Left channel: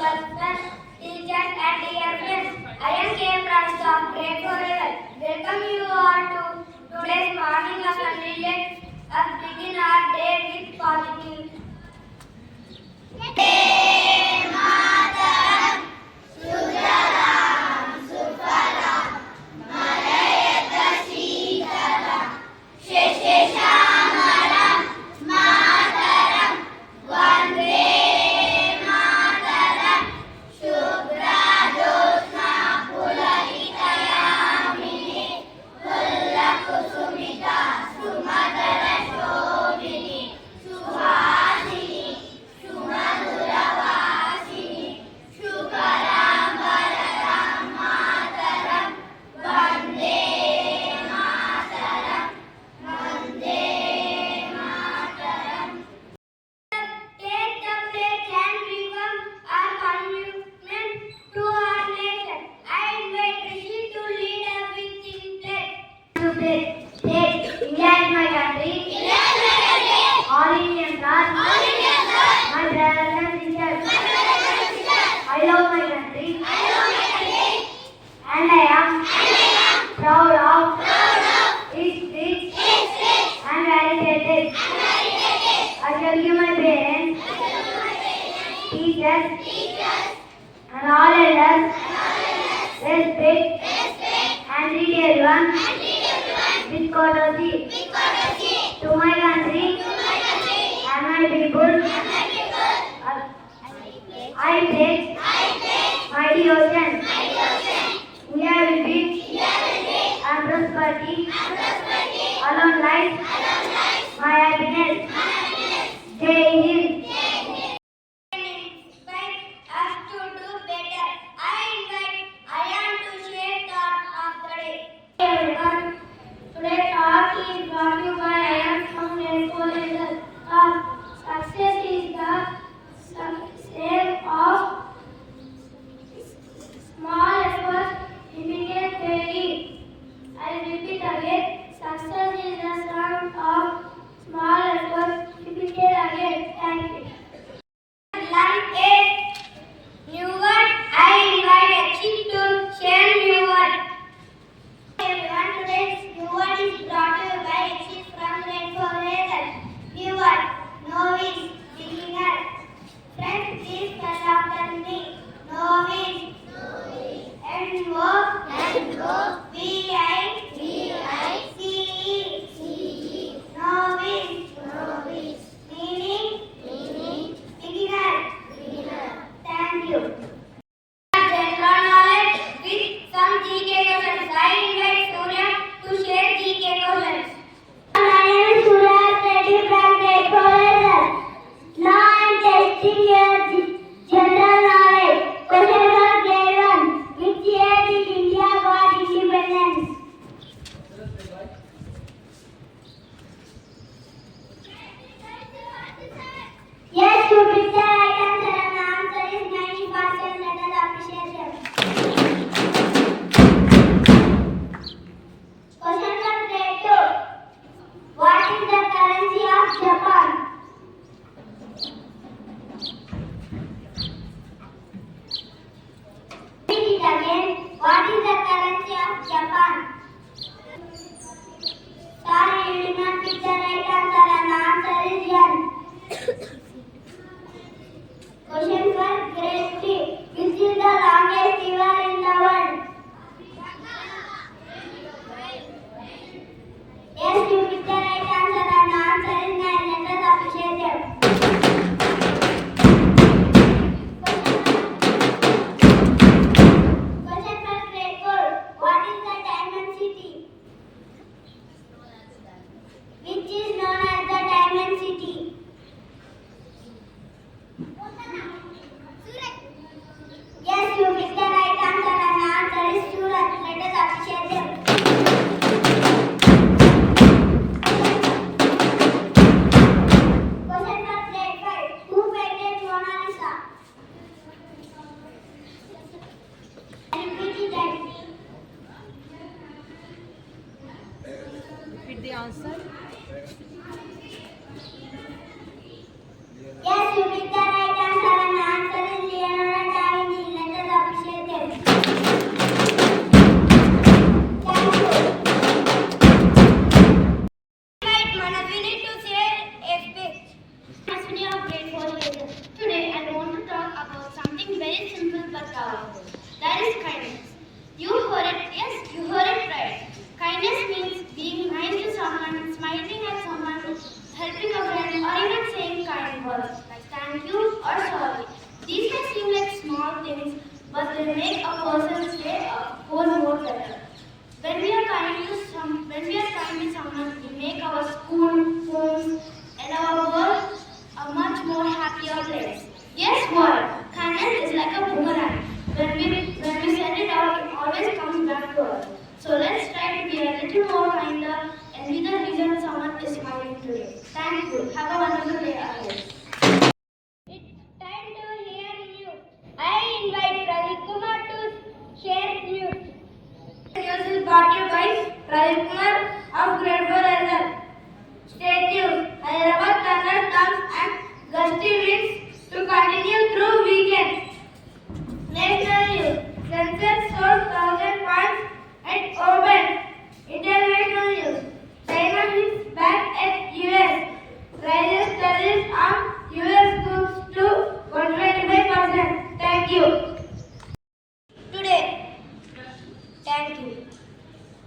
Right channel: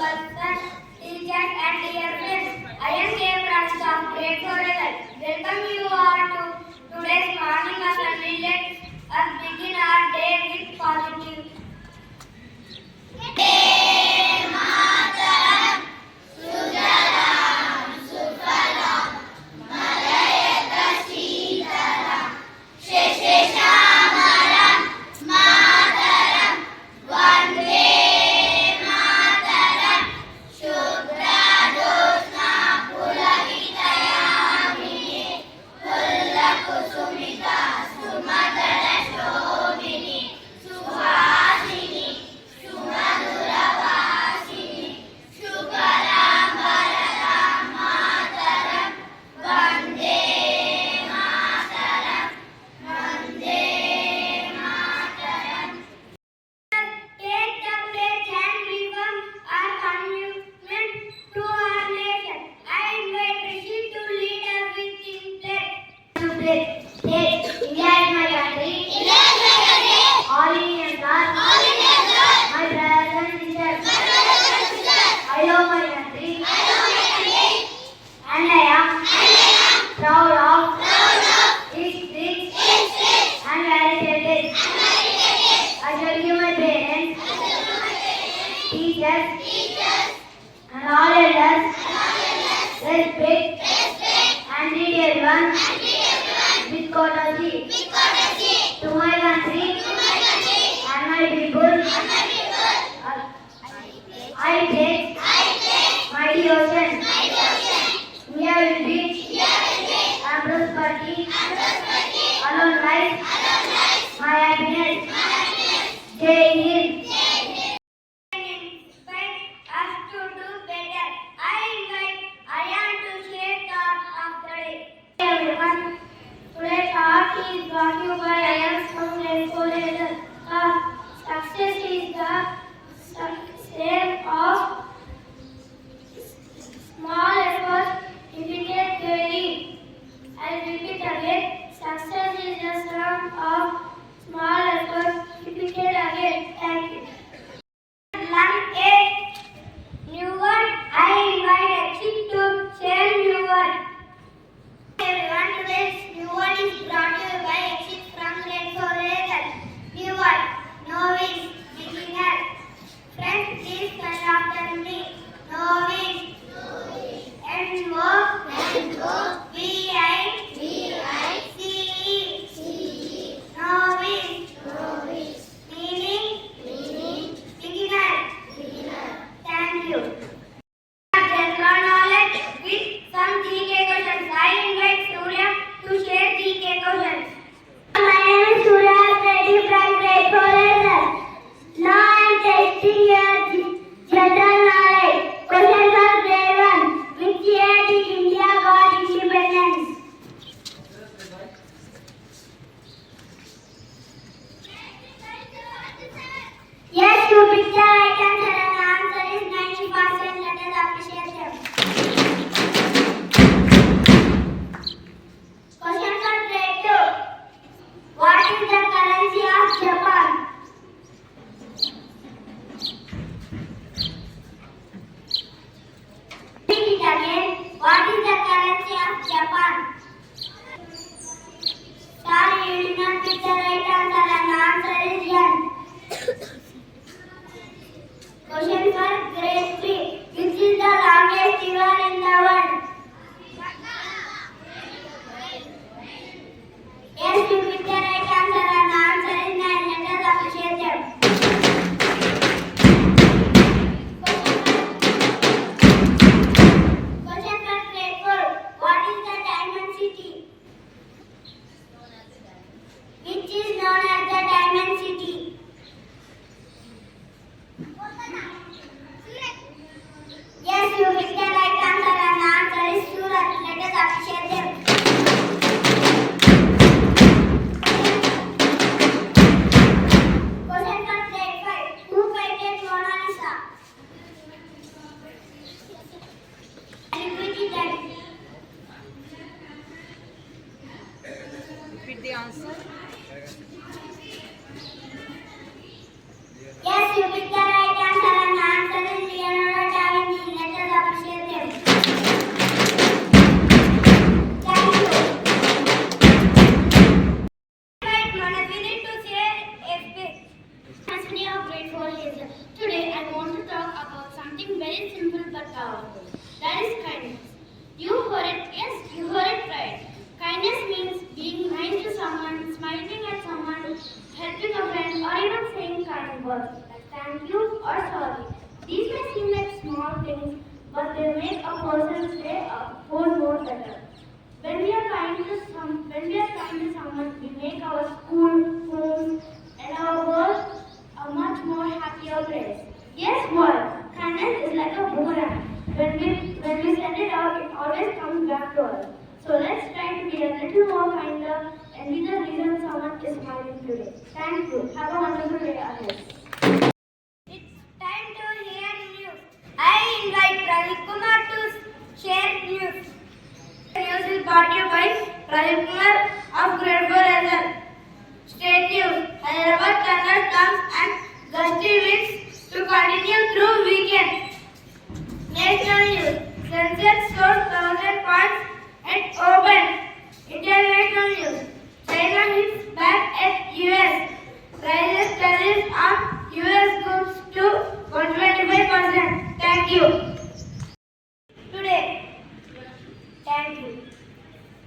principal, teachers and dear friends. I am here from staff grade 4 level. Welcome you all to today's morning assembly. Let us begin our day with positive. Proud of its rich and variegated. I shall give my parents, teachers, and all elders respect and treat everyone with courtesy. To my country and my people, I pledge my devotion. India will be and prosperity alone lies my happiness. Jai Hind. Inspire us to do better. I am to share thought of the day. Hey everyone, today's talk is brought to you by I from grade 4 level. Success is the sum of small efforts repeated daily. I repeat again. Success is the sum of small efforts repeated again. Thank you. Learn a new word. I invite Exit to share new word. Everyone, today's new word is brought to you by Exit from grade 4 level. New word. Novice. Beginner. Friends, please spell after me. Novice. N-O-V-I-C-E. Novice. Meaning beginner. Thank you. General knowledge with some GK questions. I invite Surya to share GK questions. My name is Surya Reddy from grade 4 level. Now I am testing your general knowledge. Question for grade 1. Which year did India got independence? Yes, you picked the right answer and the answer is 90%. Let us appreciate them. Question for grade 2. What is the currency of Japan? Repeat it again. What is the currency of Japan? Sorry, you did not pick the right answer and the answer is yen. Question for grade 3. Which is the longest river in the world? Yes, you picked the right answer and the answer is 9. Let us appreciate them. Question for grade 4. What is the diamond city? Which is known as the diamond city? Yes, you picked the right answer and the answer is Surat. Let us appreciate them. Question for grade 5. Who painted Mona Lisa? Repeat it again. Repeat the answer. Yes, you picked the right answer and the answer is Leonardo da but powerful. That is kindness. You heard it, yes, you heard it right. Kindness means being nice to someone, smiling at someone, helping a friend, or even saying kind words like thank you or sorry. These may seem like small things, but they make a person's day a whole more better. When we are kind to someone, we make our school, homes, and our world a much more happier place. Guess what? Kindness is like a boomerang. When we send it out, it always comes back to us. So let's try to be a little more kinder and be the reason someone is smiling today. Thank you. Have a wonderful day ahead. It's time to hear news. I invite Pradeep Kumar to share news. News is brought to you by Pradeep Kumar of Grade 4 Hazel. State news. Hyderabad thunderstorms and gusty winds to continue through weekend. National news. Sensex soars 1,000 points at open. International news. China hits back at US. Rises tariffs on